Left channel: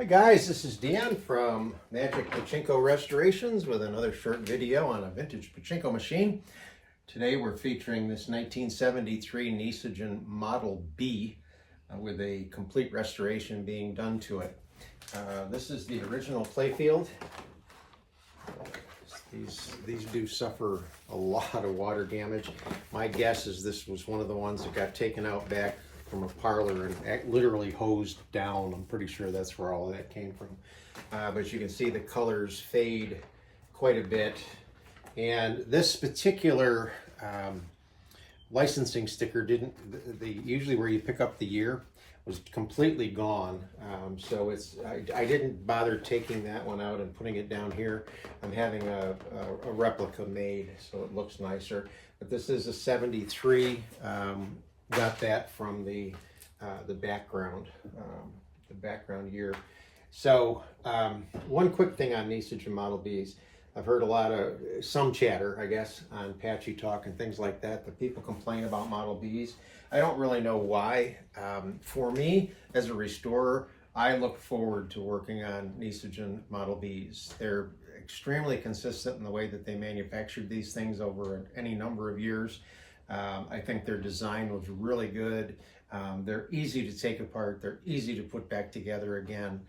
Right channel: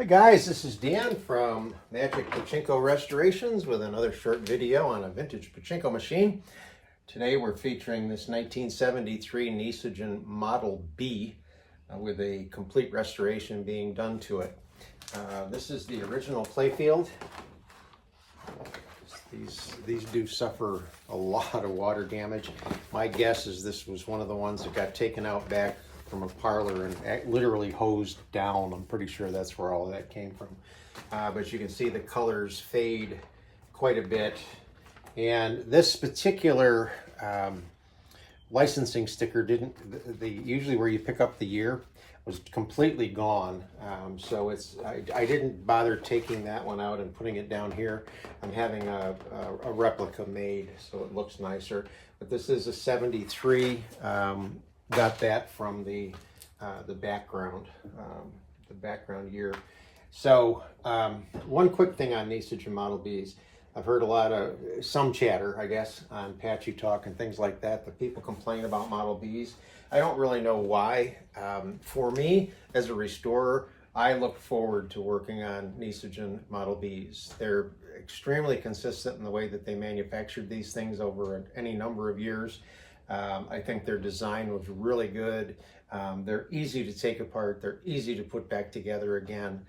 Hi guys, this is Dan from Magic Pachinko Restorations with another short video on a vintage Pachinko machine. Today we're featuring this 1973 Nishijin Model B with a complete restoration being done to it. This is the original playfield. These do suffer a lot of water damage. My guess is this was one of the ones that got taken out back from a parlor and literally hosed down. I'm pretty sure that's where all of that came from. But you can see the colors fade quite a bit. And this particular licensing sticker usually where you pick up the year was completely gone. So I didn't bother taking that one out and putting it down here. I'm having a replica made so it looks nicer. But this is a 73. Got that from the background year. So one quick thing on Nishijin Model Bs. I've heard some chatter, I guess, on Patchy Talk and things like that. The people complain about Model Bs. I don't really know why. For me, as a restorer, I look forward to working on Nishijin Model Bs. They're extremely consistent in the way that they manufactured these things over any number of years. I think their design was really good. They're easy to take apart. They're easy to put back together again.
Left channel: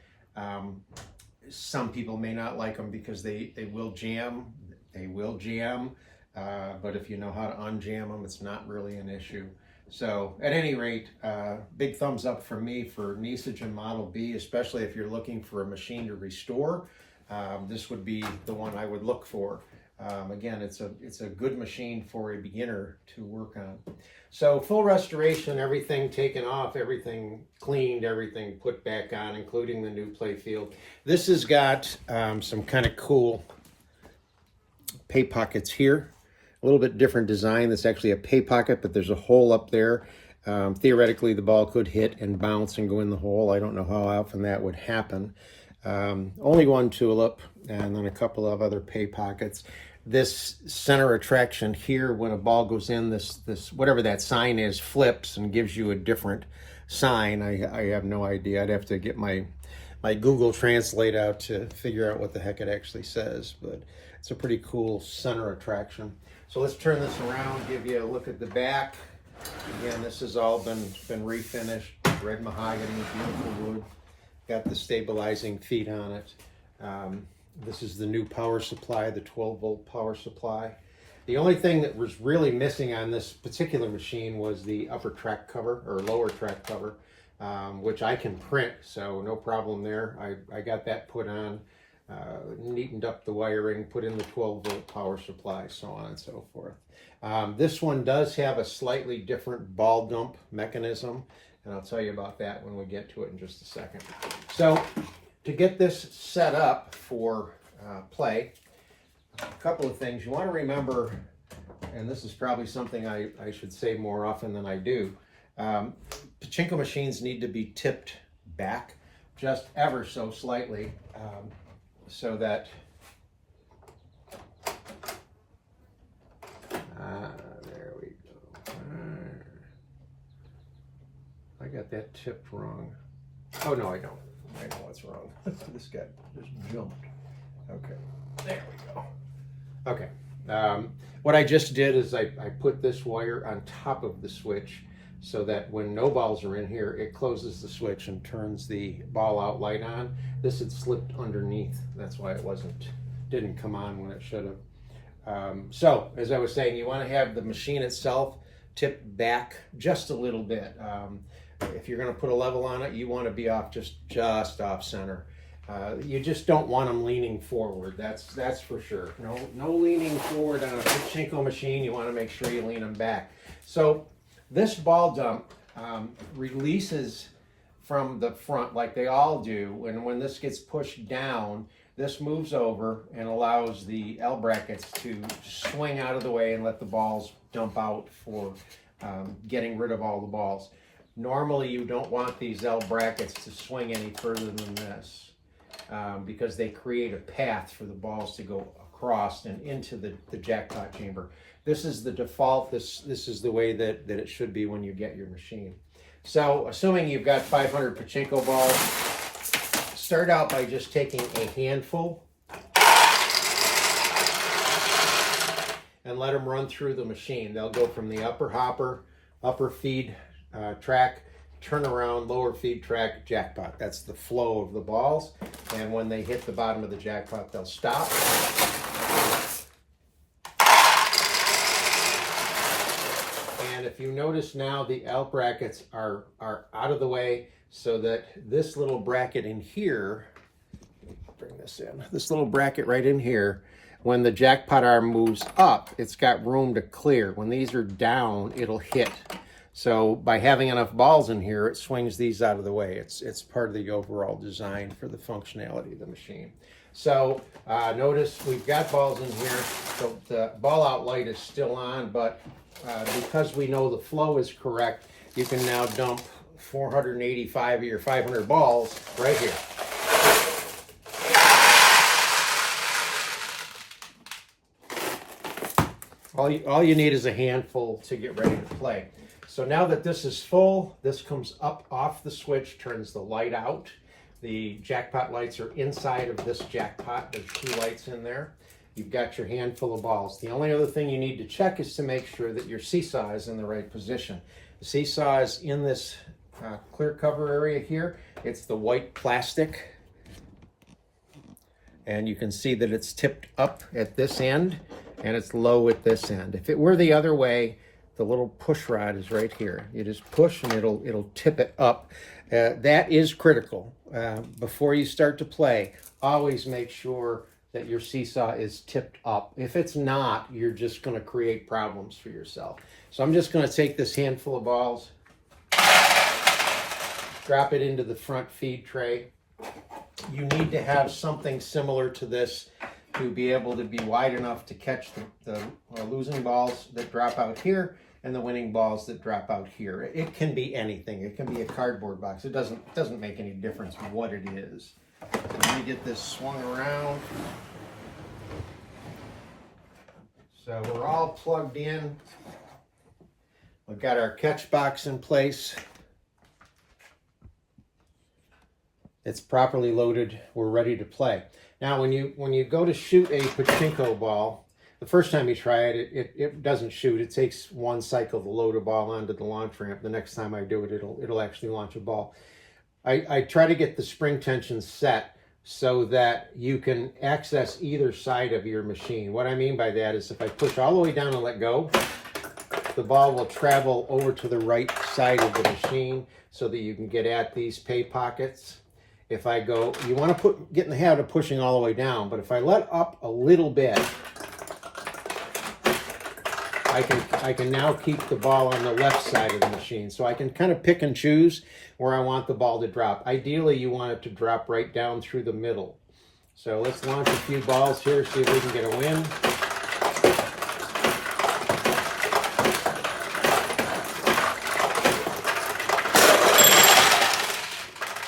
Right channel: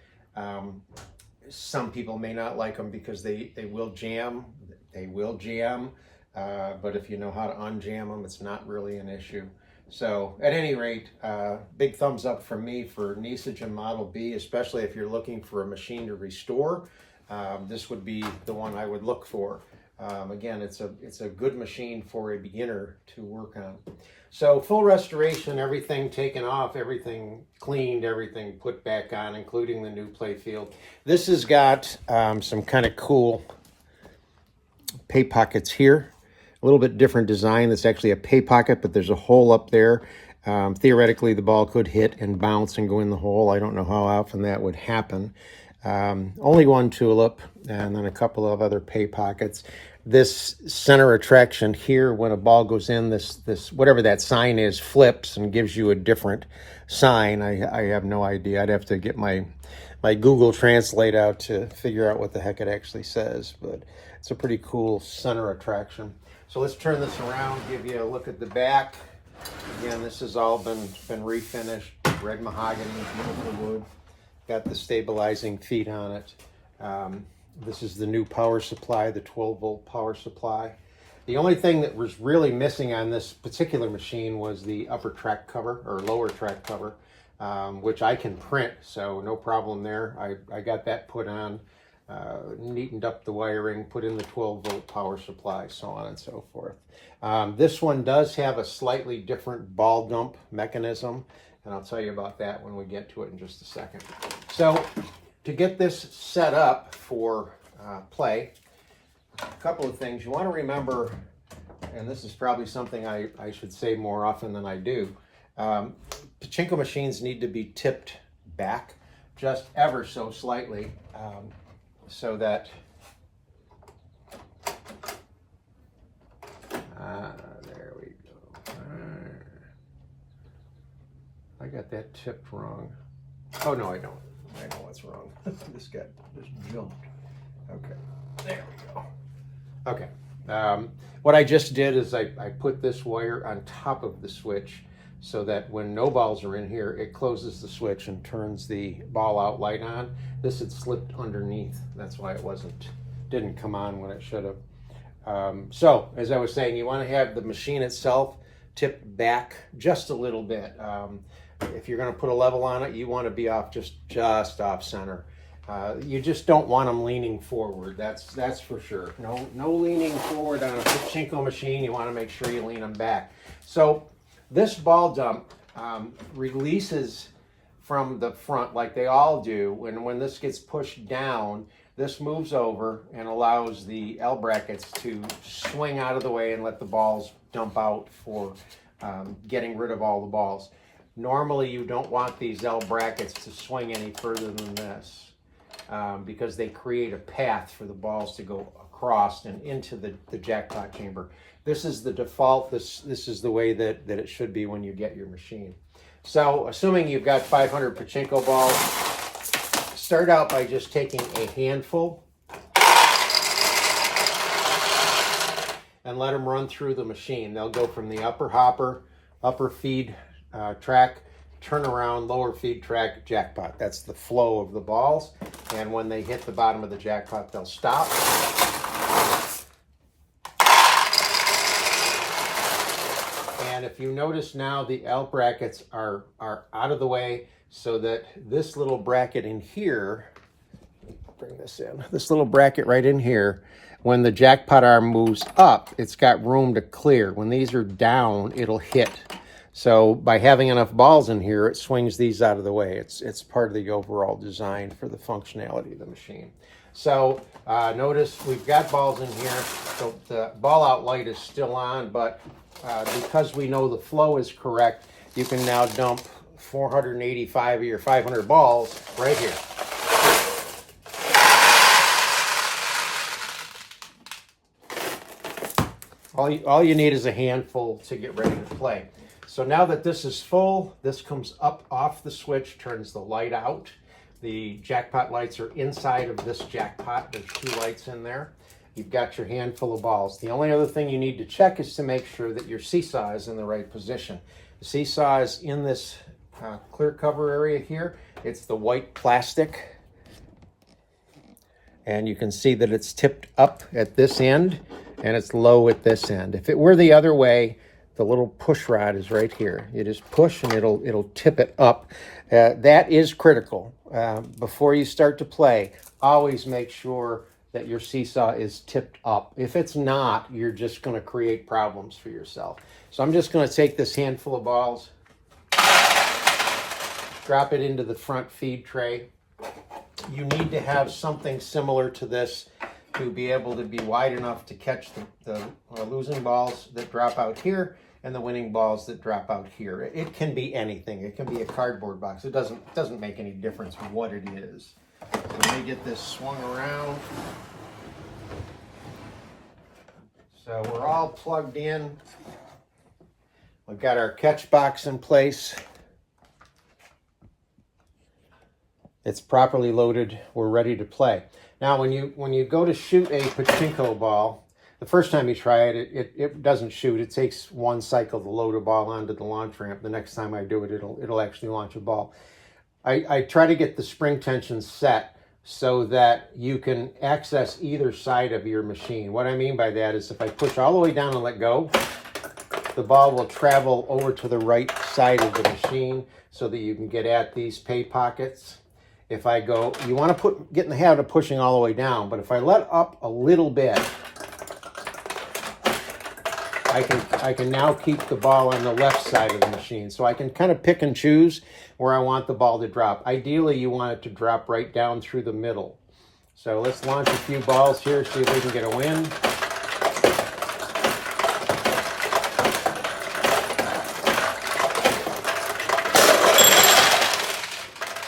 Some people may not like them because they will jam. They will jam. But if you know how to unjam them, it's not really an issue. So at any rate, big thumbs up from me for Nishijin Model B, especially if you're looking for a machine to restore. This would be the one I would look for. Again, it's a good machine for a beginner to work on. So full restoration, everything taken off, everything cleaned, everything put back on, including the new playfield. This has got some kind of cool pay pockets here. A little bit different design. That's actually a pay pocket, but there's a hole up there. Theoretically, the ball could hit and bounce and go in the hole. I don't know how often that would happen. Only one tulip and then a couple of other pay pockets. This center attraction here, when a ball goes in, this whatever that sign is flips and gives you a different sign. I have no idea. I'd have to get my Google Translate out to figure out what the heck it actually says, but it's a pretty cool center attraction. So let's turn this around, give you a look at the back. Again, this has all been refinished. Red mahogany, beautiful wood. Got the stabilizing feet on it. This is the new power supply, the 12-volt power supply. The only thing that was really missing on this particular machine was the upper track cover, or lower track cover, which I can print, so no problem there. I got that put on, neatened up the wiring, put in the 12-volt power supply, so on and so forth. This one does have a slightly different ball dump mechanism, and I'll tell you about that when we get to it in just a second. So to get this set up for play, a couple of things. You want to remember, and this is probably something I should say more often than I do, Pachinko machines need to be tipped back just ever so slightly so that there we go. I got that tipped wrong. Oh no, I don't. I know what's wrong. This guy just jumped. Okay, there we go. Okay, what I just did is I put this wire on top of the switch so that when no balls are in here, it closes the switch and turns the ball out light on. This had slipped underneath. That's why it didn't come on when it should have. So, as I was saying, you want to have the machine itself tipped back just a little bit. If you're going to put a level on it, you want to be off just off center. You just don't want them leaning forward. That's for sure. No leaning forward on a Pachinko machine. You want to make sure you lean them back. So this ball dump releases from the front like they all do. And when this gets pushed down, this moves over and allows the L brackets to swing out of the way and let the balls dump out for getting rid of all the balls. Normally, you don't want these L brackets to swing any further than this because they create a path for the balls to go across and into the jackpot chamber. This is the default. This is the way that it should be when you get your machine. So assuming you've got 500 Pachinko balls, start out by just taking a handful and let them run through the machine. They'll go from the upper hopper, upper feed track, turn around, lower feed track, jackpot. That's the flow of the balls. And when they hit the bottom of the jackpot, they'll stop. And if you notice now, the L brackets are out of the way so that this little bracket in here, let me bring this in, this little bracket right in here, when the jackpot arm moves up, it's got room to clear. When these are down, it'll hit. So by having enough balls in here, it swings these out of the way. It's part of the overall design for the functionality of the machine. So notice we've got balls in here. So the ball out light is still on, but because we know the flow is correct, you can now dump 485 of your 500 balls right here. All you need is a handful to get ready to play. So now that this is full, this comes up off the switch, turns the light out. The jackpot lights are inside of this jackpot. There's 2 lights in there. You've got your handful of balls. The only other thing you need to check is to make sure that your seesaw is in the right position. The seesaw is in this clear cover area here. It's the white plastic. And you can see that it's tipped up at this end and it's low at this end. If it were the other way, the little push rod is right here. You just push and it'll tip it up. That is critical. Before you start to play, always make sure that your seesaw is tipped up. If it's not, you're just going to create problems for yourself. So I'm just going to take this handful of balls, drop it into the front feed tray. You need to have something similar to this to be able to be wide enough to catch the losing balls that drop out here and the winning balls that drop out here. It can be anything. It can be a cardboard box. It doesn't make any difference what it is. Let me get this swung around. So we're all plugged in. We've got our catch box in place. It's properly loaded. We're ready to play. Now, when you go to shoot a Pachinko ball, the first time you try it, it doesn't shoot. It takes 1 cycle to load a ball onto the launch ramp. The next time I do it, it'll actually launch a ball. I try to get the spring tension set so that you can access either side of your machine. What I mean by that is if I push all the way down and let go, the ball will travel over to the right side of the machine so that you can get at these pay pockets. If I go, you want to get in the habit of pushing all the way down, but if I let up a little bit, I can now keep the ball on the left side of the machine. So I can kind of pick and choose where I want the ball to drop. Ideally, you want it to drop right down through the middle. So let's launch a few balls here, see if we can get a win.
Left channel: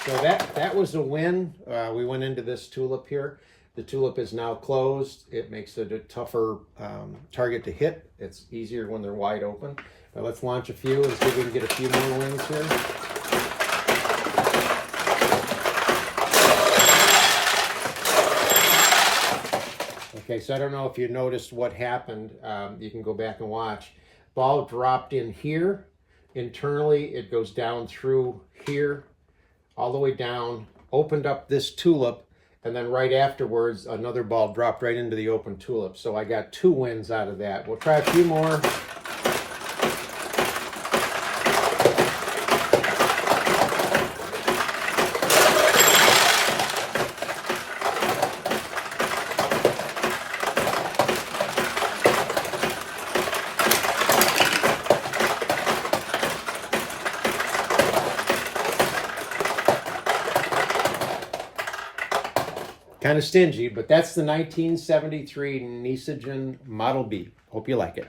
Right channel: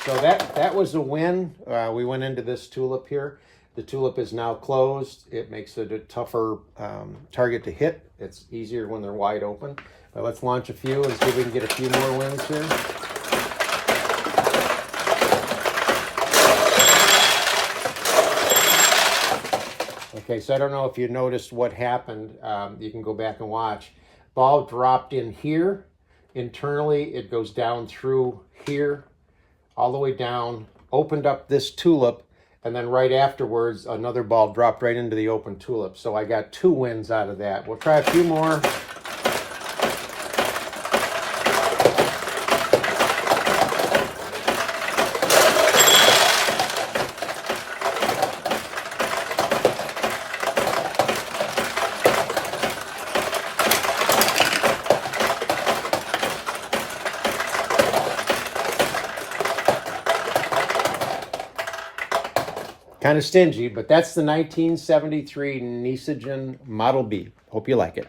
So that was a win. We went into this tulip here. The tulip is now closed. It makes it a tougher target to hit. It's easier when they're wide open. But let's launch a few and see if we can get a few more wins here. Okay, so I don't know if you noticed what happened. You can go back and watch. Ball dropped in here. Internally, it goes down through here, all the way down, opened up this tulip, and then right afterwards, another ball dropped right into the open tulip. So I got 2 wins out of that. We'll try a few more. Kind of stingy, but that's the 1973 Nishijin Model B. Hope you like it.